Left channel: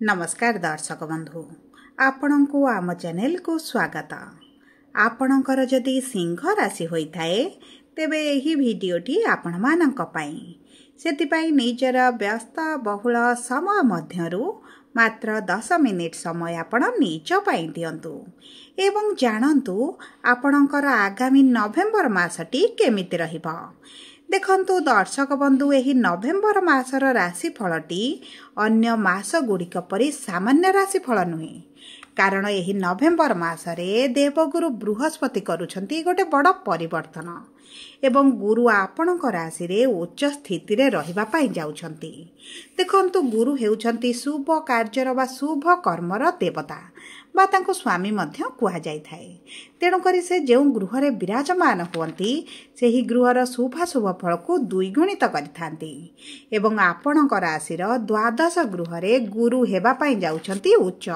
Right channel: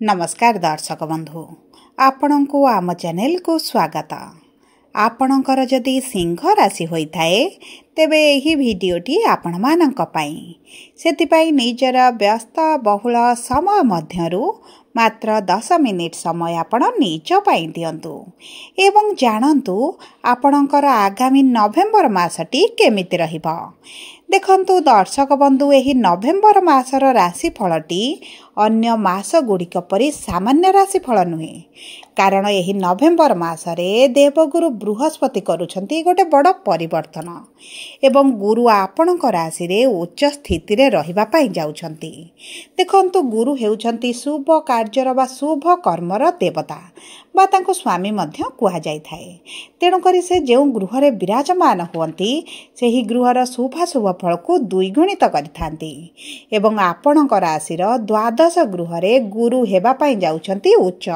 नमस्कार दर्शक बंधु आपण को आम चैनल को स्वागत। आपणकर जदि सिंह राशि होता है तेबे यही भिडीओटी आपण मानक पई सेतिपई निजर व्यस्त बहुल समय मध्यरु मात्र 10 मिनिट समय आपण निज पई दियंतु एवं जानंतु आपणकर आगामी नवेम्बर मासटी केमिति रहिबो। देखंतु दर्शक बंधु एही नवेम्बर मासर राशिफलटी अन्य मास गुड़िक परि सामान्य राशिफल नुहे, कारण एही नवेम्बर मासरे देवगुरु बृहस्पति करुछंती गोटे बड़ परिवर्तन एवं गुरु आपणक राशि रे उच्च स्थिति रे रहिबा पई जाउछंती। देखंतु गुरु हेउछंती शुभ कार्यर बा शुभ कर्मर देवता बा तांको स्वामी मध्य कुहा जाय थाए। तेणु करी से जेउ गृह रे विराजमान होंती सेही गृहर शुभाशुभ फल को द्विगुणित करिथांती एवं आपणक राशि रो द्वादश गृह रे गुरु हेबा पई जाउछंती उच्च।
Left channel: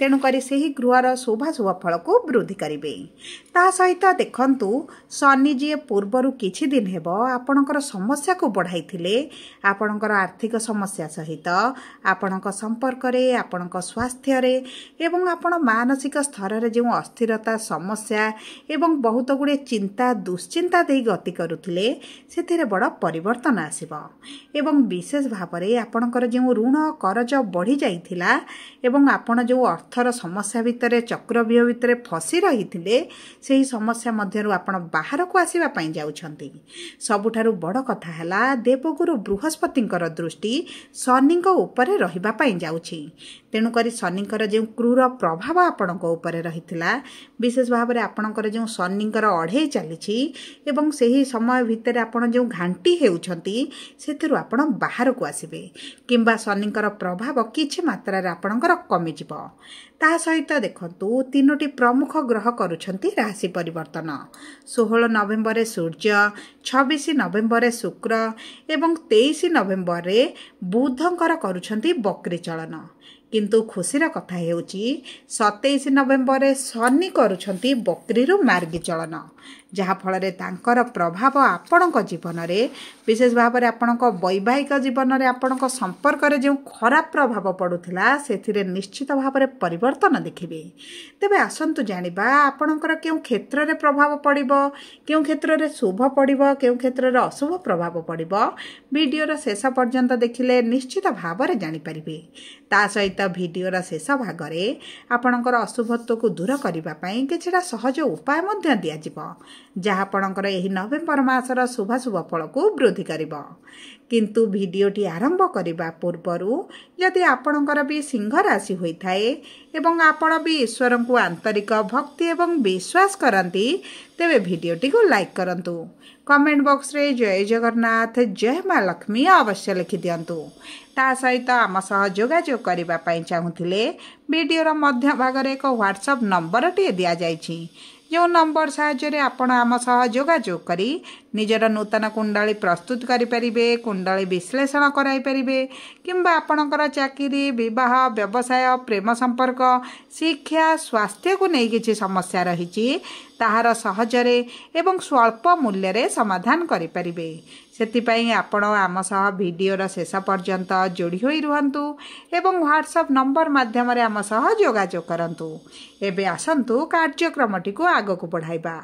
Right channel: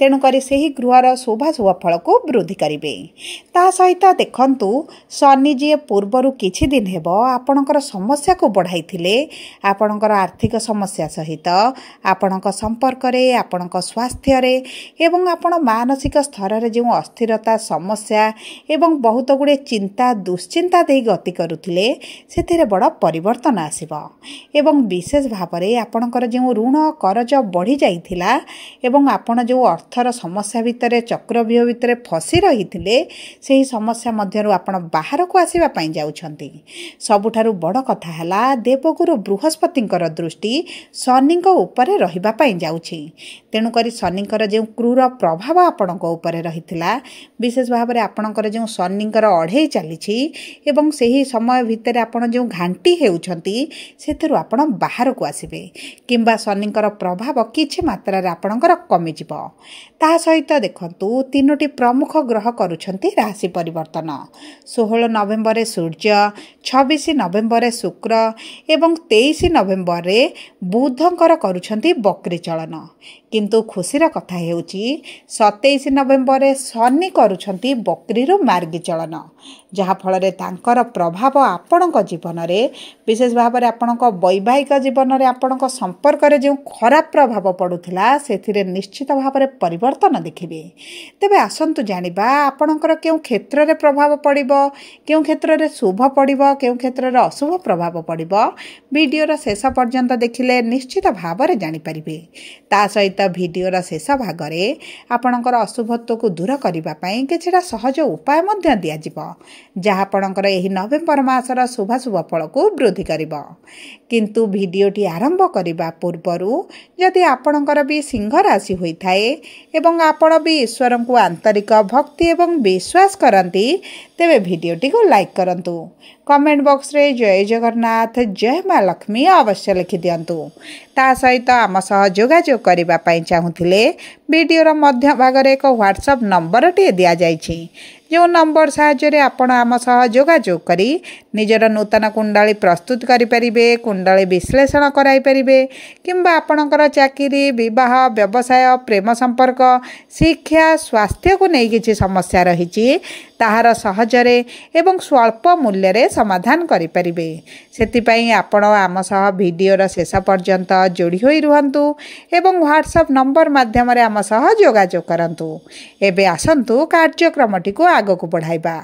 तेणु करी सेही गृहर शुभाशुभ फल को वृद्धि करिवे। ता सहित देखंतु शनि जी पूर्वरु किछि दिन हेबो आपणकर समस्या को बढ़ाइथिले। आपणकर आर्थिक समस्या सहित आपणक संपर्क रे आपणक स्वास्थ्य रे एवं आपण मानसिक स्तर रे जो अस्थिरता समस्या एवं बहुत गुड़े चिंता दुश्चिंता दे गति करुथिले सेथिरे बड़ परिवर्तन आसीबो एवं विशेष भाव में आपणकर जो ऋण करज बढ़ी जाइथिला एवं आपण जो अर्थर समस्या भितर चक्रव्यूह भितर फसी रहिथिले सेही समस्या मध्यरु आपण बाहर को आसीबा पई जाउछंती। सबुठारु बड़ कथा हला देवगुरु बृहस्पतिंकर दृष्टि शनिंक उपरे रहिबा पई जाउछि। तेणु करी शनिंकर जो क्रूर प्रभाव आपणक उपरे रहिथिला विशेष भाव में आपणकर जो शनिंकर अढ़ई चली एवं सही समय भितर आपण जो घांटी हेउछंती सेथिरु आपण बाहर को आसीबे किंबा शनिंकर प्रभाव किछि मात्रा रे आपणकर कमि जिवो। ता सहित देखंतु तीनोटी प्रमुख ग्रह करुछंती राशि परिवर्तन। 16 नवेम्बर रे सूर्य, 26 नवेम्बर रे शुक्र एवं 23 नवेम्बर रे बुधंकर करुछंती बकरी चलन। किंतु खुशीर कथा हेउची 27 नवेम्बर रे शनि करुछंती बकरी रु मार्गी चलन, जहा फल रे तांकर प्रभाव आपणक जीवन रे विशेष भाव में आपणक वैवाहिक जीवन रे आपणक संपर्क रे जो खराब प्रभाव पड़ुथिला सेथिरे निश्चित भाव में परिवर्तन देखिबे। तेबे आसंतु जानिबा आपणकर केउ क्षेत्र रे प्रभाव पड़िबो, केउ क्षेत्र रे शुभ पड़िबो, केउ क्षेत्र रे अशुभ प्रभाव पड़िबो। वीडियोर शेष पर्यंत देखिले निश्चित भाव में जानि परिबे। ता सहित वीडियोर शेष भाग रे आपणकर अशुभत्व को दूर करिबा पई किछिटा सहज उपाय मध्य दिया जिवो, जहा आपणकर एही नवेम्बर मासर शुभाशुभ फल को वृद्धि करिबो। किंतु वीडियोटी आरंभ करिबा पूर्वरु यदि आपणकर भी सिंह राशि होइथाए एवं आपण भी ईश्वर को आंतरिक भक्ति एवं विश्वास करंती तेबे वीडियोटी को लाइक करंतु। कमेंट बॉक्स रे जय जगन्नाथ जय माँ लक्ष्मी अवश्य लिखि दियंतु। ता सहित आम सह जोगाजोग करिबा पई चाहुथिले वीडियोर मध्य भाग रे एक व्हाट्सएप नंबर टी दिया जाइछि, जो नंबर साहाय्य आपण आम सह जोगाजोग करी निजर नूतन कुंडली प्रस्तुत करि परिबे, कुंडली विश्लेषण कराई परिबे किंबा आपणकर चाकरी विवाह व्यवसाय प्रेम संपर्क शिक्षा स्वास्थ्य को नहीं किछि समस्या रहिछि ताहार सहजरे एवं स्वल्प मूल्य रे समाधान करि परिबे। सेतिपई आपण आम सह वीडियोर शेष पर्यंत जोड़ी होई रुहंतु एवं व्हाट्सएप नंबर माध्यम रे आम सह जोगाजोग करंतु। एबे आसंतु कार्यक्रमटी को आगो को बढ़ाइबा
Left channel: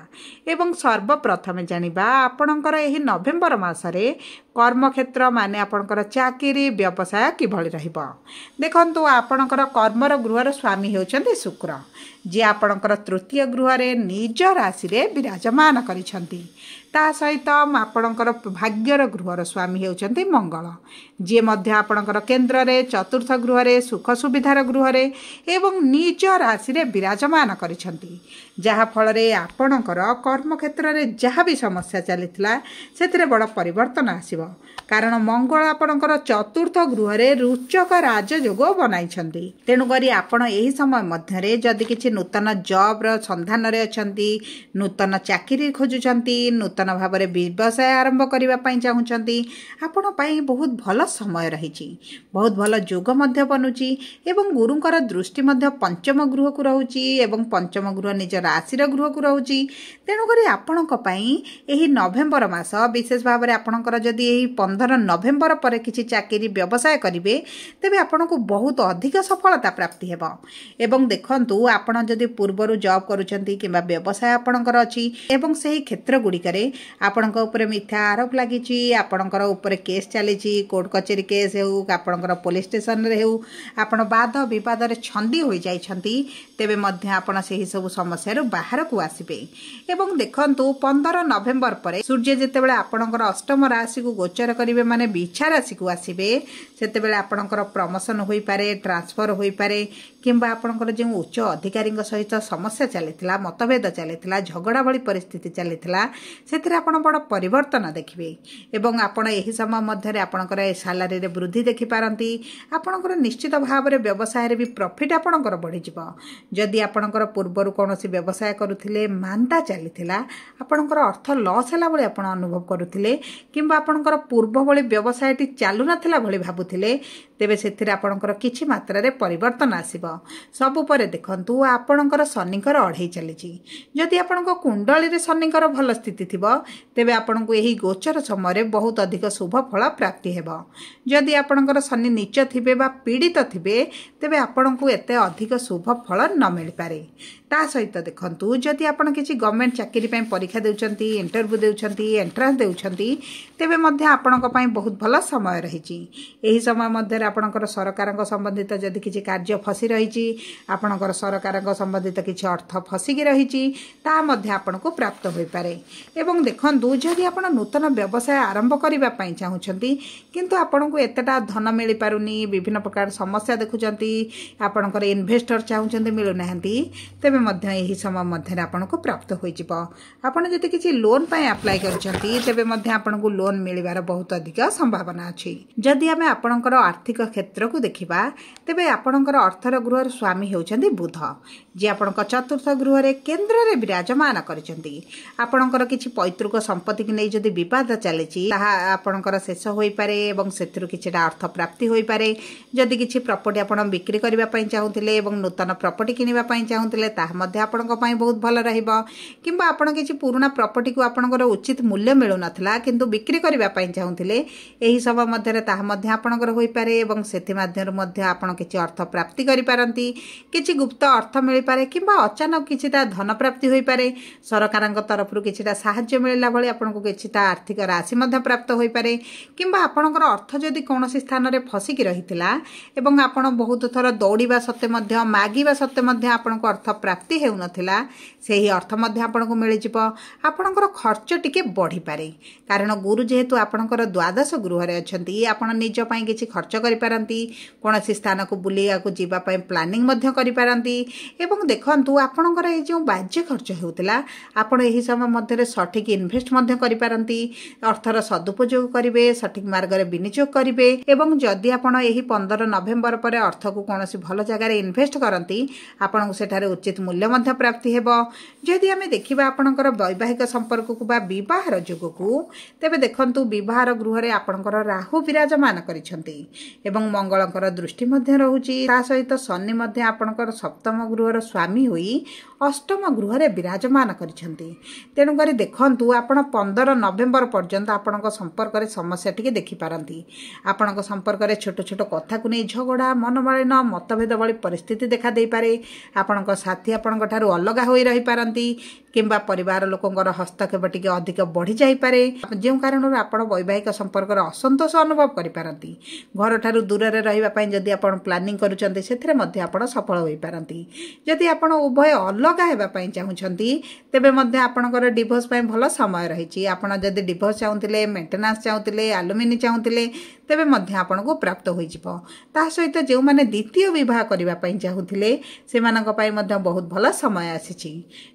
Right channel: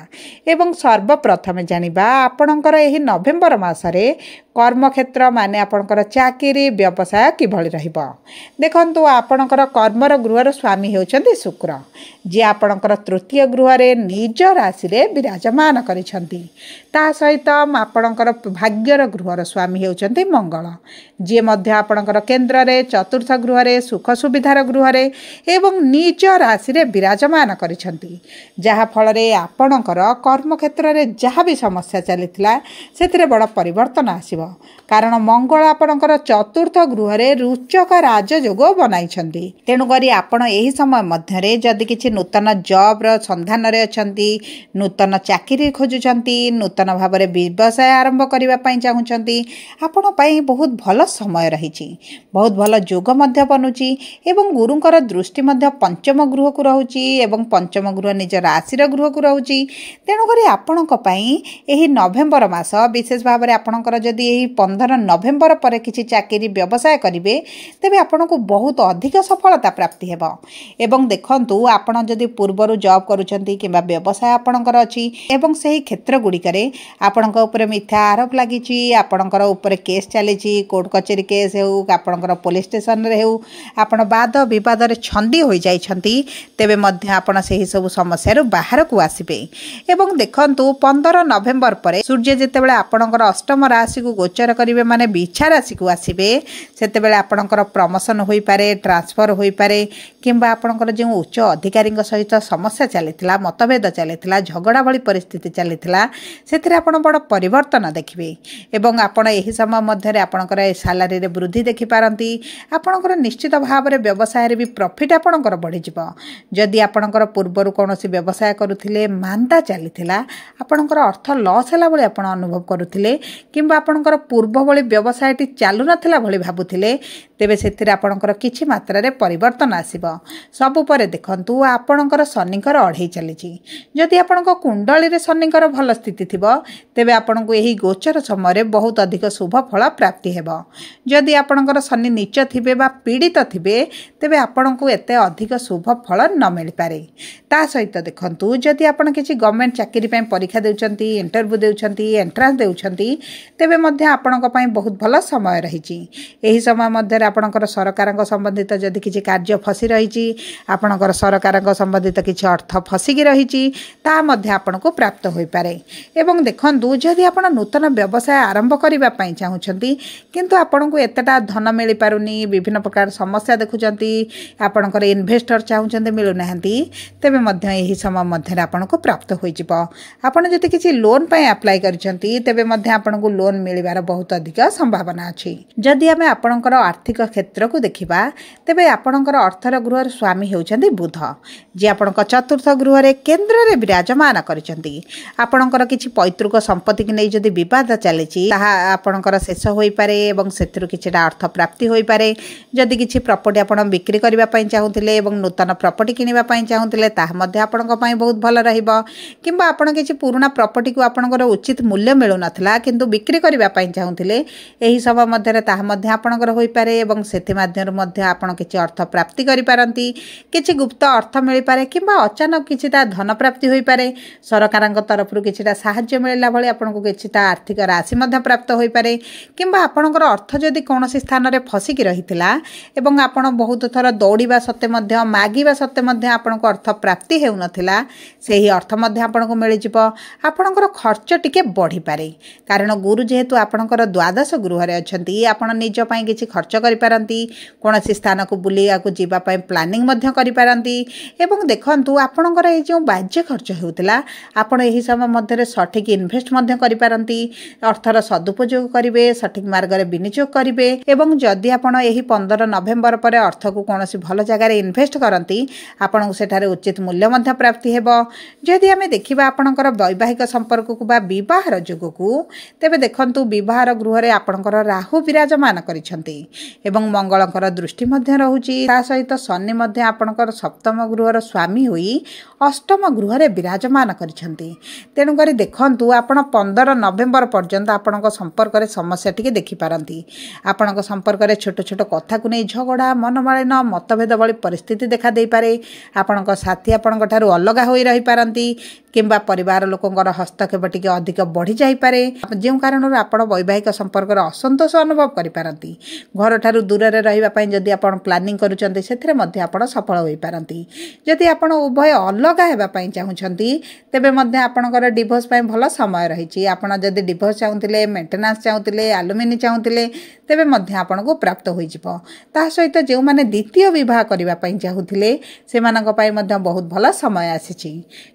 एवं सर्वप्रथम जानिबा आपणकर एही नवेम्बर मासरे कर्मक्षेत्र माने आपणकर चाकरी व्यवसाय किभଳି रहिबो। देखंतु आपणकर कर्मर गृहर स्वामी हेउछंती शुक्र, जे आपणकर तृतीय गृह रे निज राशि रे विराजमान करिछंती। ता सहित आपणकर भाग्यर गृहर स्वामी हेउछंती मंगल, जे मध्य आपणकर केंद्र रे चतुर्थ गृह रे सुख सुविधार गृह रे एवं निज राशि रे विराजमान करिछंती, जहा फल रे आपणकर कर्मक्षेत्र रे जहा भी समस्या चलिथिला सेथिरे बड़ परिवर्तन आसिबो। कारण मंगल आपणकर चतुर्थ गृह रे रुचक राजयोग बनाइछंती। तेणु करी आपण एही समय मध्य रे जदि किछि नूतन जॉब रो संधान रे अछंती, नूतन चाकरी खोजुछंती, नूतन भाव रे व्यवसाय आरंभ करिबा चाहूँगी आपण बहुत भल समय रही बहुत भल जोग बनुची एवं गुरुंकर दृष्टि पंचम गृह को रोचे एवं पंचम गृह निज राशि गृह को रोचे तेणुक आपण नवेम्बर मास विशेष भाव में आपणकर जदि 15 नवेम्बर पर किसी चाकरी व्यवसाय करेंगे तेज आपन को बहुत अधिक सफलता प्राप्ति हेब एवं देखंतु आपण जदि पूर्वर जॉब करूछंती किंबा व्यवसाय आपणकर अछि एवं सही क्षेत्र गुड़िकरे आपणक ऊपर मिथ्या आरोप लागिछि आपणकर ऊपर केस चलीछि कोर्ट कचेरी केस हेउ आपणकर पुलिस स्टेशन रे हेउ आपण वाद विवाद रे छंदी होई जाइछंती तेबे मध्य आपण सही सब समस्या रो बाहर को आसीबे एवं देखंतु 15 नवेम्बर पर सूर्य जेतेबेले आपणकर अष्टम राशि को गोचर करिवे माने बिछा राशि को आसीबे सेतेबेले आपणकर प्रमोशन होई पारे ट्रांसफर होई पारे किंबा आपणकर जे उच्च अधिकारी सहित समस्या चलीथिला मतभेद चलीथिला झगड़ा भली परिस्थिति चलीथिला सेथिरे आपण बड़ परिवर्तन देखिबे एवं आपण एही समय मध्य आपणकर सैलरी रे वृद्धि देखि पारंती आपणकर निश्चित भाव रे व्यवसाय रे भी प्रॉफिट आपणकर बढ़ी जिवो जदि आपणकर पूर्वर कोनोसी व्यवसाय करूथिले मांदा चलीथिला आपणकर अर्थ लॉस होला भली आपण अनुभव करूथिले किंबा आपणकर पूर्व भली व्यवसायटी चालू नथिला भली भाबुथिले तेबे सेथिरे आपणकर किछि मात्रा रे परिवर्तन आसीबो सबु परे देखंतु आपणकर शनिकर अढ़ई चलीछि जदि आपणक कुंडली रे शनिकर भल स्थिति थिबो तेबे आपणको एही गोचर समय रे बहुत अधिक शुभ फल प्राप्ति हेबो जदि आपणकर शनि नीच थिबे बा पीड़ित थिबे तेबे आपणको एते अधिक शुभ फल न मिल पारे ता सहित देखंतु जदि आपण किछि गवर्नमेंट चाकरी पय परीक्षा देउछंती इंटरव्यू देउछंती एंट्रेंस देउछंती तेबे मध्य आपणक पय बहुत भल समय रहिछि एही समय मध्य आपणकर सरकारक संबंधित जदि किछि कार्य फसी रहिछि आपणकर सरकारक संबंधित किछि अर्थ फसिकी रहिछि ता मध्य आपणको प्राप्त होई पारे एवं देखंतु जदि आपण नूतन व्यवसाय आरंभ करिबा पय चाहुछंती किंतु आपणको एतटा धन मिलि पारुनी विभिन्न प्रकार समस्या देखुछंती आपणकर इन्वेस्टर चाहुछंती मिलु नाहंती तेबे मध्य एही समय मध्य आपणको प्राप्त होई जिवो आपण जदि किछि लोन पय अप्लाई करछंती तेबे मध्य आपणको लोन मिलिबार बहुत अधिक संभावना अछि जदि हमें आपणकर आर्थिक क्षेत्र को देखिबा तेबे आपणकर अर्थर गृहर स्वामी हेउछंती बुध जे आपणक चतुर्थ गृह रे केंद्र रे विराजमान करछंती आपणकर किछि पैतृक संपत्ति कि नै जदि विवाद चलेछि ताहा आपणकर शेष होई पारे एवं सेथिरु किछिटा अर्थ प्राप्ति होई पारे जदि किछि प्रॉपर्टी आपण बिक्री करिबा पय चाहुथिले एवं नूतन प्रॉपर्टी किनिबा पय चाहुथिले ताहा मध्ये आपणक पय बहुत भल रहिबो किंबा आपण किछि पुराना प्रॉपर्टी को आपणकर उचित मूल्य मिलु नथला किंतु बिक्री करिबा पय चाहुथिले एही सब मध्ये ताहा मध्ये आपणकर होई पारे एवं सेथि माध्यम मध्ये आपण किछि अर्थ प्राप्ति करि पारंती किछि गुप्त अर्थ मिलि पारे किंबा अचानक किछिटा धन प्राप्ति होई पारे सरकारक तरफ रु किछिटा सहाय्य मिलला भली आपनको किछिटा आर्थिक राशि मध्ये प्राप्त होई पारे किंबा आपणकर अर्थ जदि कोनोसी स्थान रे फसिकी रहितला एवं आपण बहुत थर दौड़िबा सत्ते मध्ये मागिबा सत्ते मध्ये आपनको अर्थ प्राप्ति हेउ नथिला सेही अर्थ मध्ये आपनको मिलि जिवो आपणकर खर्च टिके बढ़ी पारे कारण गुरु जेहेतु आपणकर द्वादश गृह रे अछंती आपण निज पय किछि खर्च करि पारंती कोनोसी स्थान को बुलिया को जीवा पय प्लानिंग मध्ये करि पारंती एवं देखंतु आपणकर ए जो बाह्य खर्च हेउतला आपण एही समय मध्ये सठिक इन्वेस्ट मध्ये करि पारंती अर्थर सदुपयोग करिवे सठिक मार्ग रे विनियोग करिवे एवं जदि आपण एही 15 नवेम्बर पर अर्थ को कोनोसी भल जगह रे इन्वेस्ट करंती आपण सेठारे उचित मूल्य मध्ये प्राप्ति हेबो जदि हमें देखिबा आपणकर वैवाहिक संपर्क को बा विवाहर जोग को तेबे देखंतु विवाहर गृह रे आपणकर राहु विराजमान करिसंती एवं मंगलकर दृष्टि मध्ये रहूची ता सहित शनि मध्ये आपणकर सप्तम गृहर स्वामी होई अष्टम गृह रे विराजमान करिसंती तेनु करी देखंतु आपण 15 नवेम्बर पर्यंत आपणक संपर्क रे समस्या टिके देखि पारंती आपणक संपर्क रे छोट छोट कथा को नै झगड़ा मनमालिन मतभेद भली परिस्थिति देखा दे पारे आपणक साथी आपणक ठारू अलगा होई रही पारंती किंबा परिवार लोकंकर हस्तक्षेप टिके अधिक बढ़ी जाई पारे जे कारण आपण वैवाहिक संपर्क रे असंतोष अनुभव करि पारंती घर ठारू दूर रे रहिबा पय जदि आपण प्लानिंग करूचंती सेथरे मध्ये आपण सफल होई पारंती जदि आपण उभय अलगा हेबा पय चाहुचंती तेबे मध्ये आपणकर डिवोर्स पय भल समय रहिची आपण जदि डिवोर्स चाहुतिले मेंटेनेंस चाहुतिले एलुमिनी चाहुतिले तेबे मध्ये आपनको प्राप्त होई जिवो ता सहित जे माने द्वितीय विवाह करिबा पय चाहुतिले सेमानक पय मध्ये बहुत भल समय आसीची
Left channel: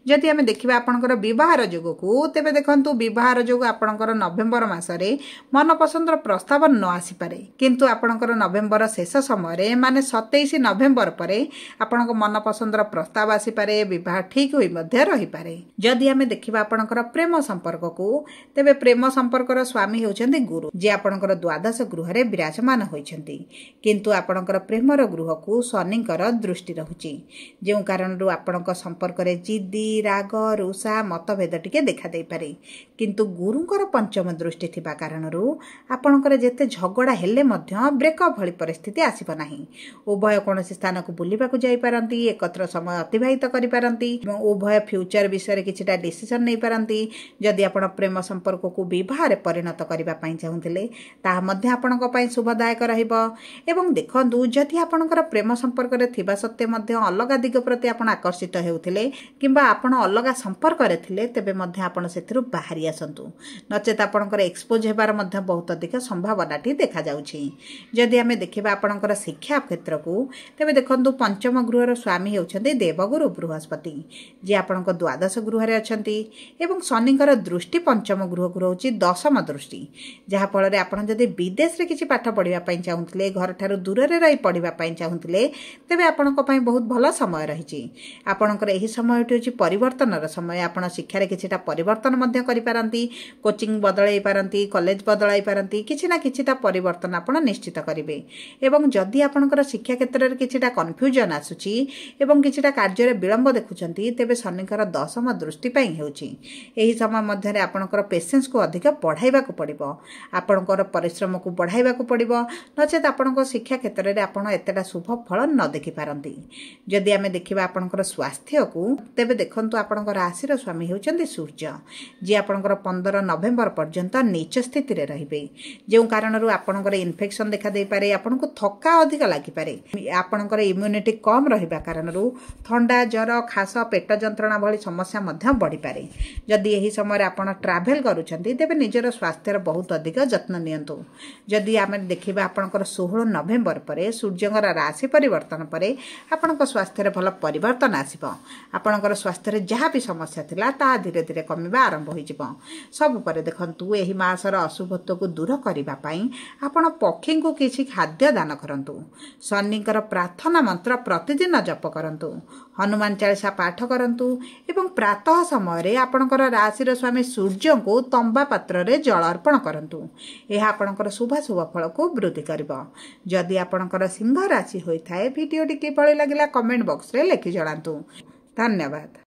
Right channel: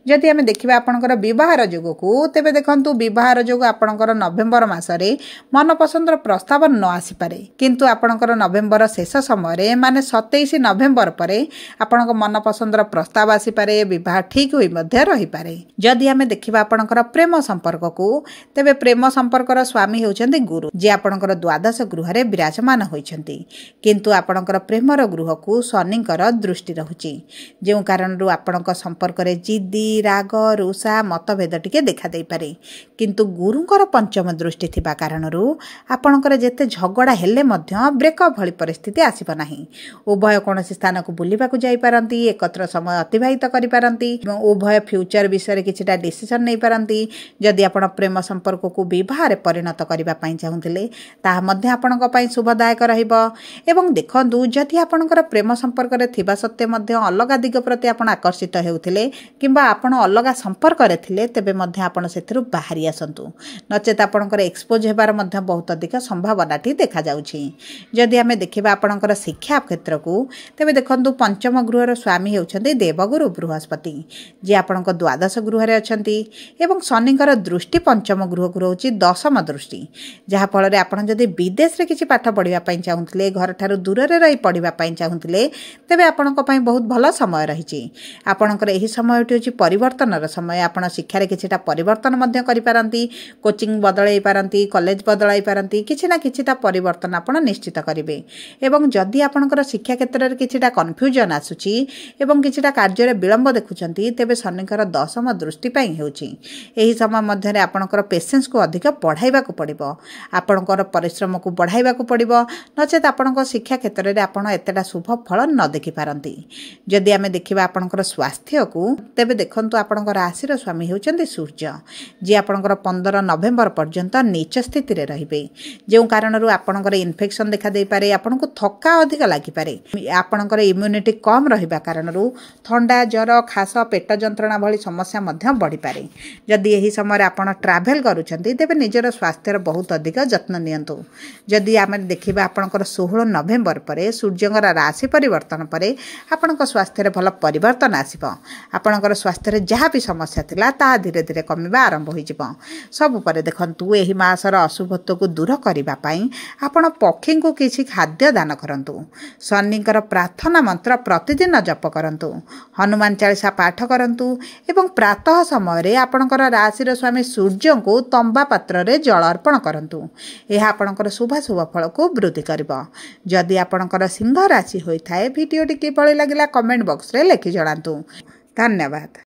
जदि हमें देखिबा आपणकर विवाहर जोग को तेबे देखंतु विवाहर जोग आपणकर नवेम्बर मासरे मनपसंदर प्रस्ताव न आसी पारे किंतु आपणकर नवेम्बर शेष समय माने 27 नवेम्बर परे आपणक मनपसंदर प्रस्ताव आसी पारे विवाह ठीक होई मध्य रही पारे। जदि आमे देखिबा आपणकर प्रेम संपर्क को तेबे प्रेम संपर्कर स्वामी होउछन्ती गुरु जे आपणकर द्वादश गृह रे विराजमान होइछन्ती किंतु आपणकर प्रेमर गृह को शनिकर दृष्टि रहुची जे कारण आपणक संपर्क रे जिद्दी राग रुषा मतभेद टिके देखा दे पारे किंतु गुरुंकर पंचम दृष्टि थिबा कारणरू आपणकर जेते झगड़ा हेले मध्य ब्रेकअप भली परिस्थिति आसीब नाही। उभय कोनोसी स्थान को बुलिबा को जाई पारंती एकत्र समय अतिबाहित करि पारंती उभय फ्यूचर विषय रे किछटा डिसिजन नै पारंती। जदि आपण प्रेम संपर्क को विवाह रे परिणत करिबा पई चाहुथिले ताहा मध्य आपणक पई शुभदायक रहिबो एवं देखंतु जदि आपणकर प्रेम संपर्क रे थिबा सत्ते मध्य अलगा दिग प्रति आपण आकर्षित हेउथिले किंबा आपण अलगा संपर्क रे थिले तेबे मध्य आपण सेथरु बाहरी आसंतु नचेत आपणकर एक्सपोज हेबार मध्य बहुत अधिक संभावनाटी देखा जाउछि। जदि आमे देखिबा आपणकर शिक्षा क्षेत्र को तेबे देखंतु पंचम गृहर स्वामी हेउछन्ती देवगुरु बृहस्पति जे आपणक द्वादश गृह रे अछन्ती एवं शनिकर दृष्टि पंचम गृह को रहउछि दशम दृष्टि जहा फल रे आपण जदि विदेश रे किछि पाठ पढिबा पई चाहुथिले घर ठारू दूर रे रही पढिबा पई चाहुथिले तेबे आपणक पई बहुत भलो समय रहिछि। आपणकर एही समयटी होछि परिवर्तनर समय आपण शिक्षा रे किछिटा परिवर्तन मध्य करि पारंती कोचिंग बदलाई पारंती कॉलेज बदलाई पारंती किछि ना किछिटा परिवर्तन आपण निश्चित करिवे एवं जदि आपणकर शिक्षा क्षेत्र रे किछिटा कन्फ्यूजन आसुछि एवं किछिटा कार्य रे विलंब देखुचंती तेबे शनिकर दशम दृष्टि पई हेउछि एही समय मध्य रे आपणकर पेशेंस को अधिक बढ़ाइबा को पड़िबो आपणकर परिश्रम को बढ़ाइबा को पड़िबो नचेत आपणकर शिक्षा क्षेत्र रे आपण एतेटा शुभ फल न देखि पारंती। जदि आमे देखिबा आपणकर स्वास्थ्य को तेबे देखंतु आपणकर राशि रो स्वामी हेउचंती सूर्य जे आपणकर 15 नवेम्बर पर्यंत नीच स्थिति रे रहिबे जे कारणरू आपणकर इन्फेक्शन देखा दे पारे आपनको थक्का अधिक लागि पारे आपणकर इम्यूनिटी कम रहिबा कारणरू ठंडा ज्वर खास पेट जंत्रणा भली समस्या मध्य बढ़ी पारे। जदि एही समय आपण ट्रैवल करूछंती तेबे निजर स्वास्थ्यर बहुत अधिक जत्न नियंतु। जदि आमे देखिबा आपणकर 16 नवेम्बर परे सूर्यंकर राशि परिवर्तन परे आपणक स्वास्थ्यर भल परिवर्तन आसीबो आपणकर स्वास्थ्यर जहाँ भी समस्या थिला ता धीरे धीरे कमिबा आरंभ होई जिवो। सब परे देखंतु एही मासर अशुभत्व को दूर करिबा पई आपण पक्षी को किछि खाद्य दान करंतु शनिकर प्रार्थना मंत्र प्रतिदिन जप करंतु हनुमान चालीसा पाठ करंतु एवं प्रातः समय रे आपणकर राशि स्वामी सूर्य को तंबा पात्र रे जल अर्पण करंतु यह आपणकर शुभ फल को वृद्धि करिबो। जदि आपणकर सिंह राशि होई थाए वीडियो टी किपरि लागिला कमेंट बॉक्स रे लिखि जणांतु। धन्यवाद।